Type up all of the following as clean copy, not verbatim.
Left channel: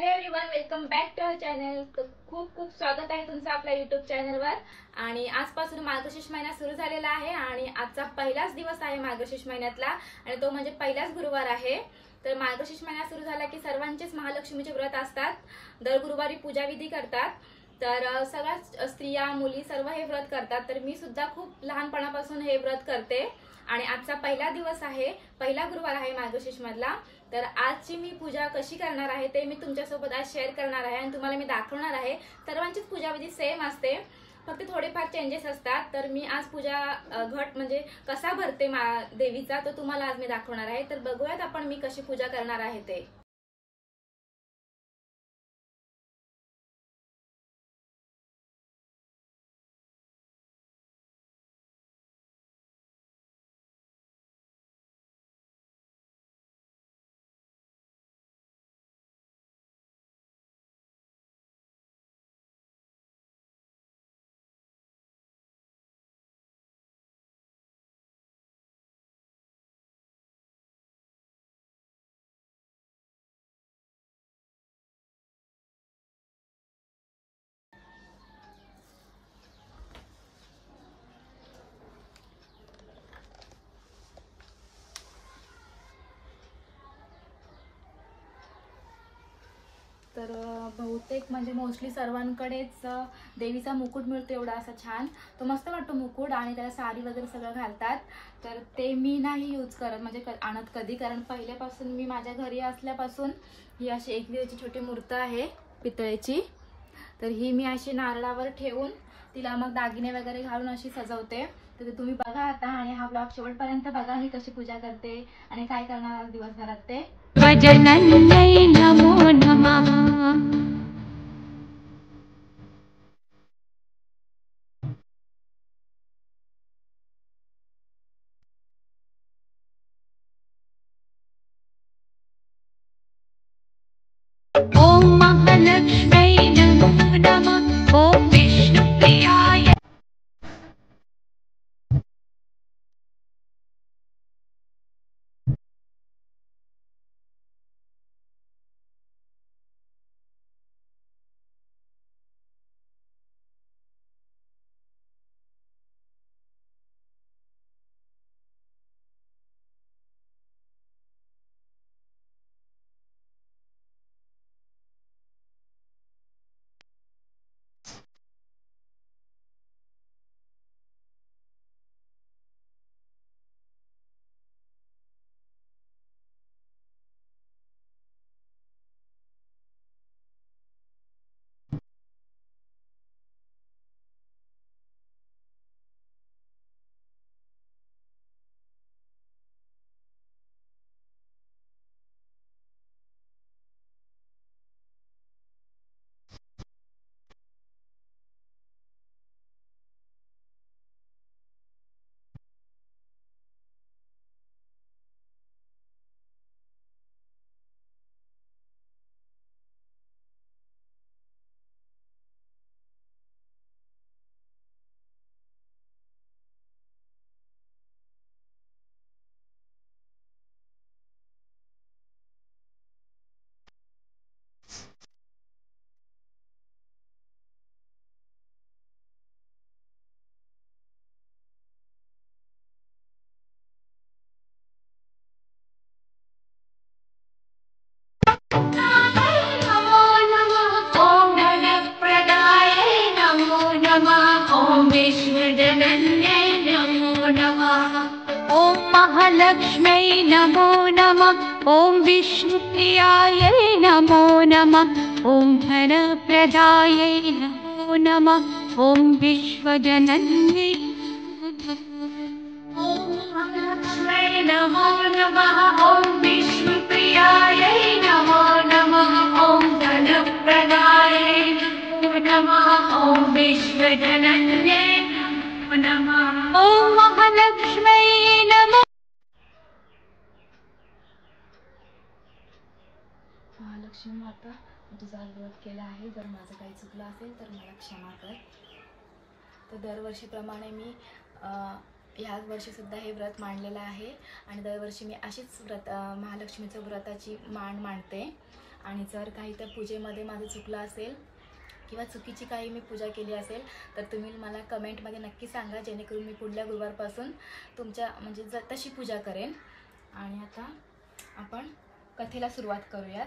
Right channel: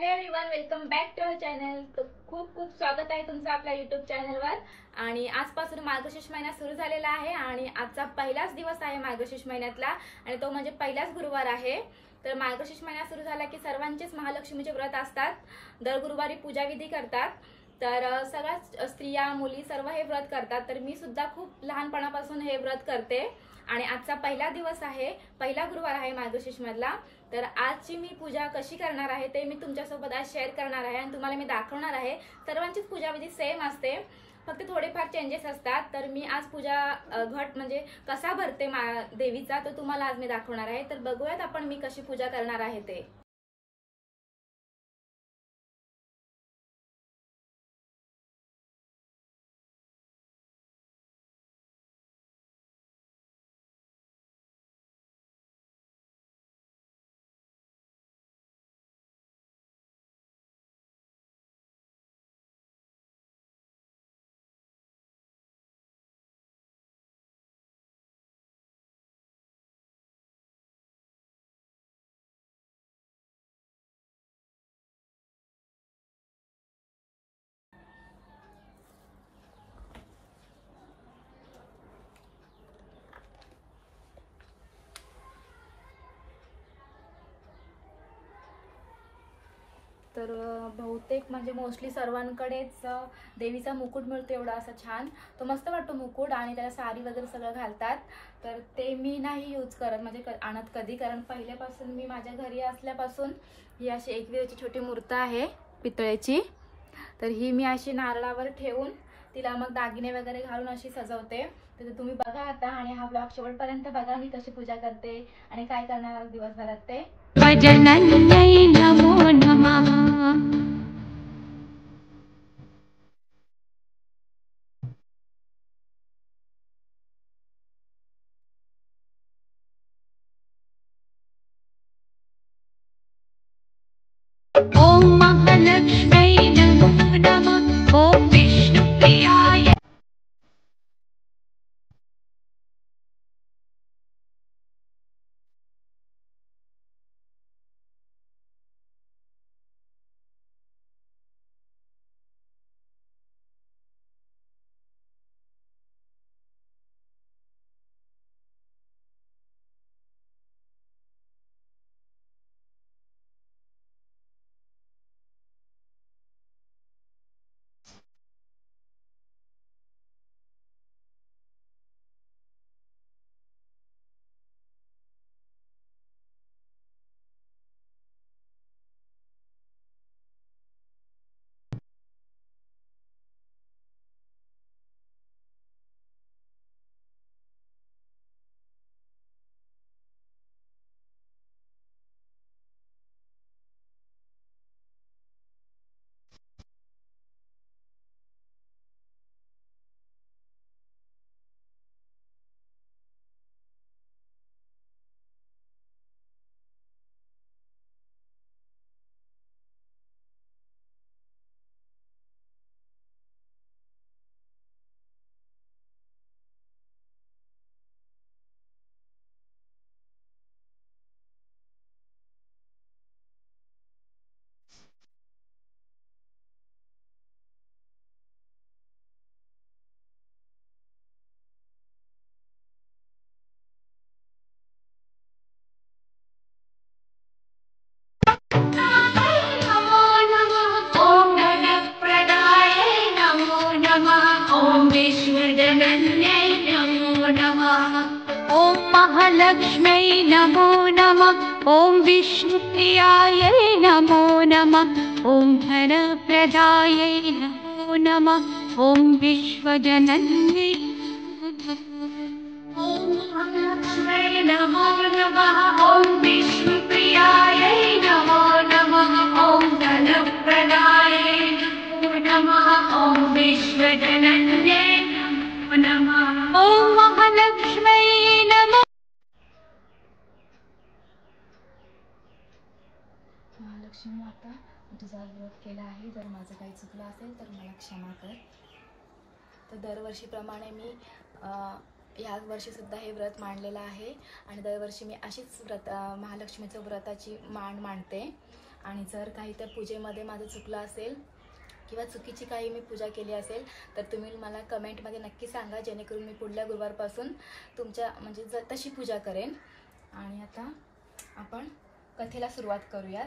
Hello everyone, welcome back to our channel. खूप खूप स्वागत आहे तुमचं आपल्या यूट्यूब चॅनलवर। आणि आजपासून मार्गशीर्ष महिना सुरू झालेला आहे आणि आजचा पहिलाच दिवस आहे मार्गशीर्ष महिन्यातला आणि तो म्हणजे पहिलाच गुरुवार आहे। तर मार्गशीर्ष महिना सुरू झाला की सर्वांचेच महालक्ष्मीचे व्रत असतात। दर गुरुवारी पूजाविधी करतात। तर सगळ्याच स्त्रिया मुली सर्व हे व्रत करतात। तर मी सुद्धा खूप लहानपणापासून हे व्रत करते आणि आजचा पहिला दिवस आहे, पहिला गुरुवार आहे मार्गशीर्ष मधला। तर आजची मी पूजा कशी करणार आहे ते मी तुमच्यासोबत आज शेअर करणार आहे आणि तुम्हाला मी दाखवणार आहे। सर्वांचीच पूजाविधी सेम असते, फक्त थोडेफार चेंजेस असतात। तर मी आज पूजा घट म्हणजे कसा भरते देवीचा तो तुम्हाला आज मी दाखवणार आहे। तर बघूयात आपण मी कशी पूजा करणार आहे ते। तर बहुतेक म्हणजे मोस्टली सर्वांकडेच देवीचा मुकुट मिळतो एवढा असा छान, तो मस्त वाटतो मुकुट आणि त्याला साडी वगैरे सगळं घालतात। तर ते मी नाही यूज करत म्हणजे आणत कधी, कारण पहिल्यापासून मी माझ्या घरी असल्यापासून ही अशी एकविरेची छोटी मूर्ती आहे पितळेची। तर ही मी अशी नारळावर ठेवून तिला मग दागिने वगैरे घालून अशी सजवते। तर तुम्ही बघा आता आणि हा ब्लॉग शेवटपर्यंत बघा मी कशी पूजा करते आणि काय करणार दिवसभरात ते। भजनन्यै नमो नमः। ॐ महालक्ष्म्यै नमो नमः। ॐ विष्णुप्रियाय नमो नमः। ॐ धनप्रदाय नमो नमः। ॐ विष्णुजनन्यै नमो नमः। ॐ महालक्ष्म्यै नमो नमः। ॐ विष्णुप्रियायै नमो नमः। ॐ धनप्रदायै नमो नमः। ॐ विश्वजनन्यै ॐ महालक्ष्म्यै नमो नमः। ॐ विष्णुप्रियायै नमो नमः। ॐ धनप्रदायै नमो नमः। ॐ विश्वजनन्यै नमो नमः। ॐ महालक्ष्म्यै नमः। महालक्ष्मी माता, तुझा व्रत केला आहे, जर माझं काही चुकलं असेल तर मला क्षमा कर। तर दरवर्षीप्रमाणे मी ह्याच वर्षी सुद्धा हे व्रत मांडलेलं आहे आणि दरवर्षी मी अशीच महालक्ष्मीचं व्रताची मांडते आणि जर काही त्या पूजेमध्ये माझं चुकलं असेल किंवा चुकीची काही मी पूजा केली असेल तर तुम्ही मला कमेंटमध्ये नक्की सांगा, जेणेकरून मी पुढल्या गुरुवारपासून तुमच्या म्हणजे तशी पूजा करेन. आणि आता आपण कथेला सुरुवात करूयात.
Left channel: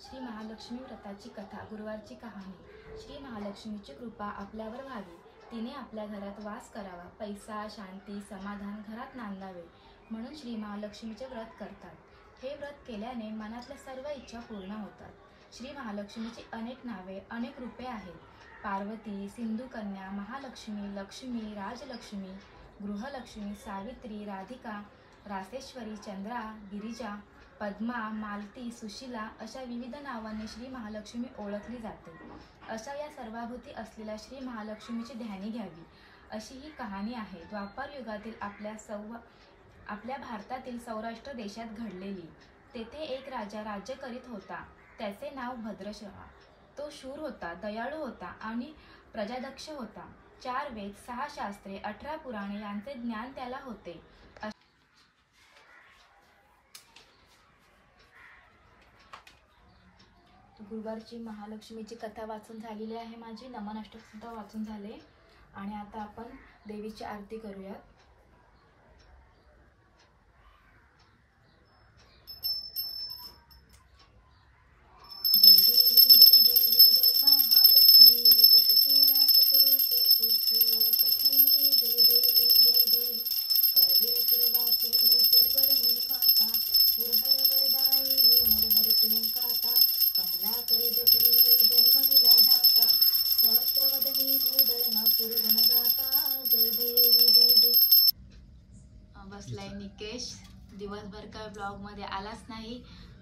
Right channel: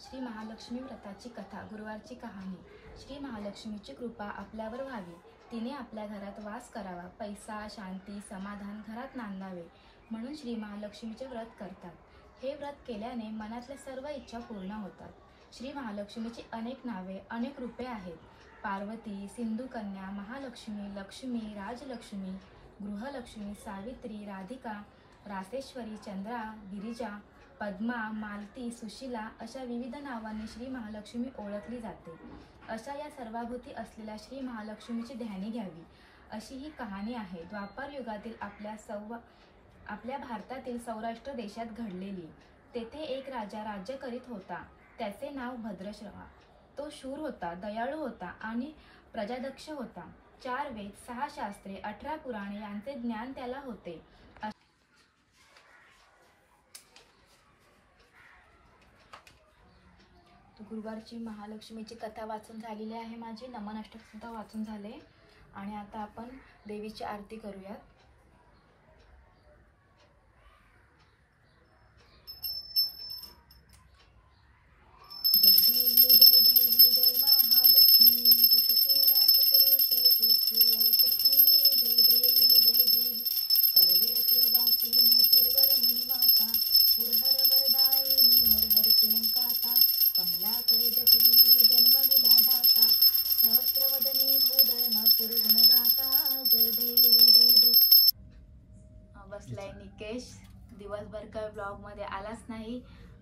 श्री महालक्ष्मी व्रताची कथा. गुरुवारची कहाणी. श्री महालक्ष्मीची कृपा आपल्यावर व्हावी, तिने आपल्या घरात वास करावा, पैसा, शांती, समाधान घरात नांदावे म्हणून श्री महालक्ष्मीचे व्रत करतात. हे व्रत केल्याने मनातल्या सर्व इच्छा पूर्ण होतात. श्री महालक्ष्मीची अनेक नावे, अनेक रूपे आहेत. पार्वती, सिंधुकन्या, महालक्ष्मी, लक्ष्मी, राजलक्ष्मी, गृहलक्ष्मी, सावित्री, राधिका, रासेश्वरी, चंद्रा, गिरिजा, पद्मा, मालती, सुशीला अशा विविध नावांनी श्री महालक्ष्मी ओळखली जाते. अशा या सर्वाभूती असलेल्या श्री महालक्ष्मीची ध्यानी घ्यावी, अशी ही कहाणी आहे. द्वापार युगातील आपल्या भारतातील सौराष्ट्र देशात घडलेली. तेथे एक राजा राज्य करीत होता. त्याचे नाव भद्रश्रवा. तो शूर होता, दयाळू होता आणि प्रजादक्ष होता. 4 वेद, 6 शास्त्रे, 18 पुराणे यांचे ज्ञान त्याला होते. गुरुवारची महालक्ष्मीची कथा वाचून झालेली आहे माझी. नमन अष्टक सुद्धा वाचून झाले. आणि आता आपण देवीची आरती करूयात. जय देवी जय देवी जय महालक्ष्मी, वसती व्यापकरूपे तुझी जय देवी जय देवी. करवीर पुरवासिनी तिरुवर मुनिमाता, पुरहर वरदायिनी मुरहर प्रियंकाता, कमलाकर जठरी जन्मविला धाता, सहस्रवदनी भूदयना पुरगुण गाता. जय देवी जय देवी. बसलाय निकेश. दिवसभर काय ब्लॉग मध्ये आलाच नाही.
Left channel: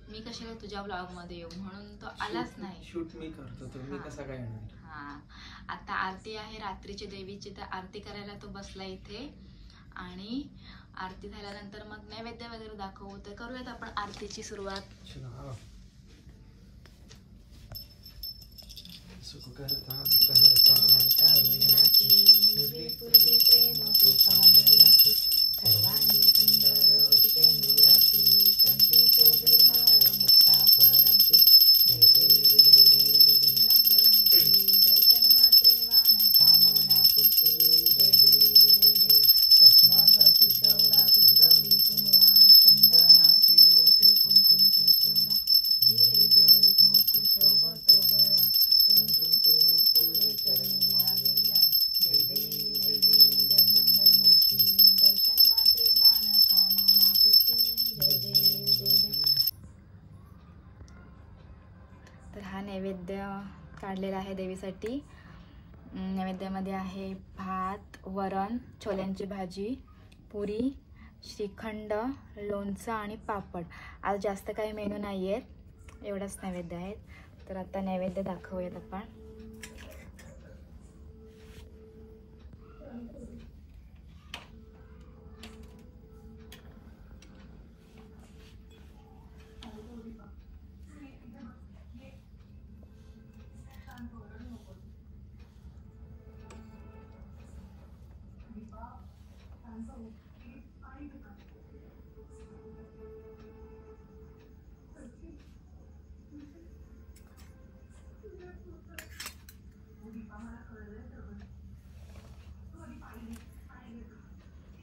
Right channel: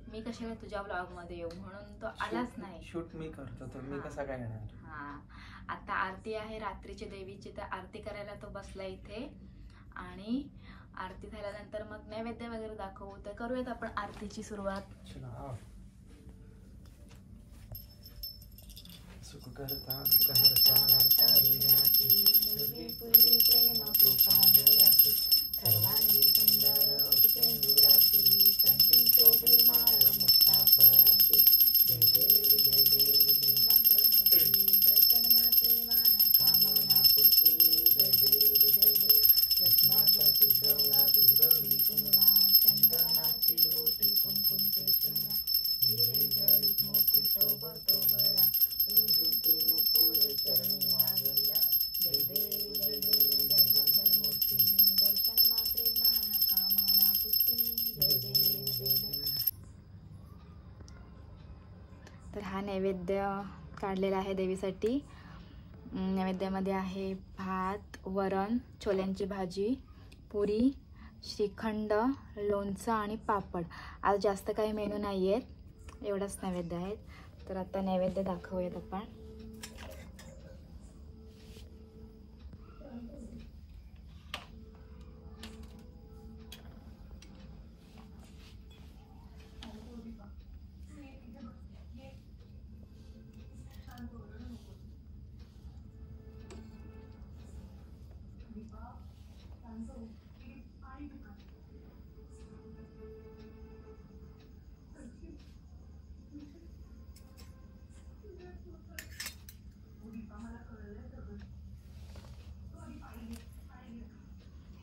मी कशाला तुझ्या ब्लॉग मध्ये येऊ, म्हणून तो आलाच नाही. शूट मी करतो तर मी कसा काय येणार. हा, आता आरती आहे रात्रीची देवीची, तर आरती करायला तो बसला इथे. आणि आरती झाल्यानंतर मग नैवेद्य वगैरे दाखवू. तर करूयात आपण आरतीची सुरुवात. सुख करता दुःख हरता वार्ता विघ्नाची, निर्विपूर्वी प्रेम कृपा दयाची, सर्वांगी सुंदर उपकेंदुराची, संती शोभे माळ मुक्ता फळाची. जय देवी जय देवी जय मंगलमूर्ती, दर्शन मात्रे माना कामना पूर्ती. जय देवी जय देवी. रत्नाची गौरा तुझ गौरी कुमरा, चंदनाची ओटी कुंकुम केशरा, हिरे जडित मुकुट शोभतो गळा, पुरे चरणी वाजल्या. जय देवी जय देवी जय मंगलमूर्ती, दर्शन मात्रे माना कामना पूर्ती. जय देवी जय देवी. तर हा नैवेद्य काढलेला आहे देवीसाठी. नैवेद्यामध्ये आहे भात, वरण, छोल्यांची भाजी, पुरी, श्रीखंड, लोणचं आणि पापड. आज जास्त काही मेनू नाही आहे, एवढंच नैवेद्य आहेत. तर आता नैवेद्य दाखवूयात आपण.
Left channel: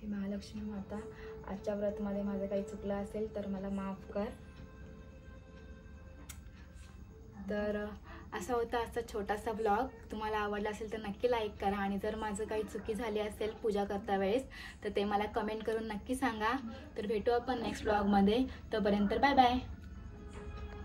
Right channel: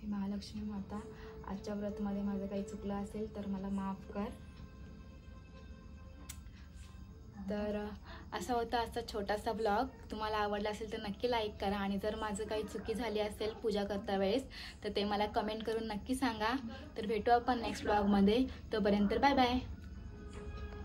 महालक्ष्मी माता, आजच्या व्रतमध्ये माझं काही चुकलं असेल तर मला माफ कर. तर असा होता आजचा छोटासा ब्लॉग. तुम्हाला आवडला असेल तर नक्की लाईक करा. आणि जर माझं काही चुकी झाली असेल पूजा करता वेळेस तर ते मला कमेंट करून नक्की सांगा. तर भेटू आपण नेक्स्ट ब्लॉगमध्ये. तोपर्यंत बाय बाय.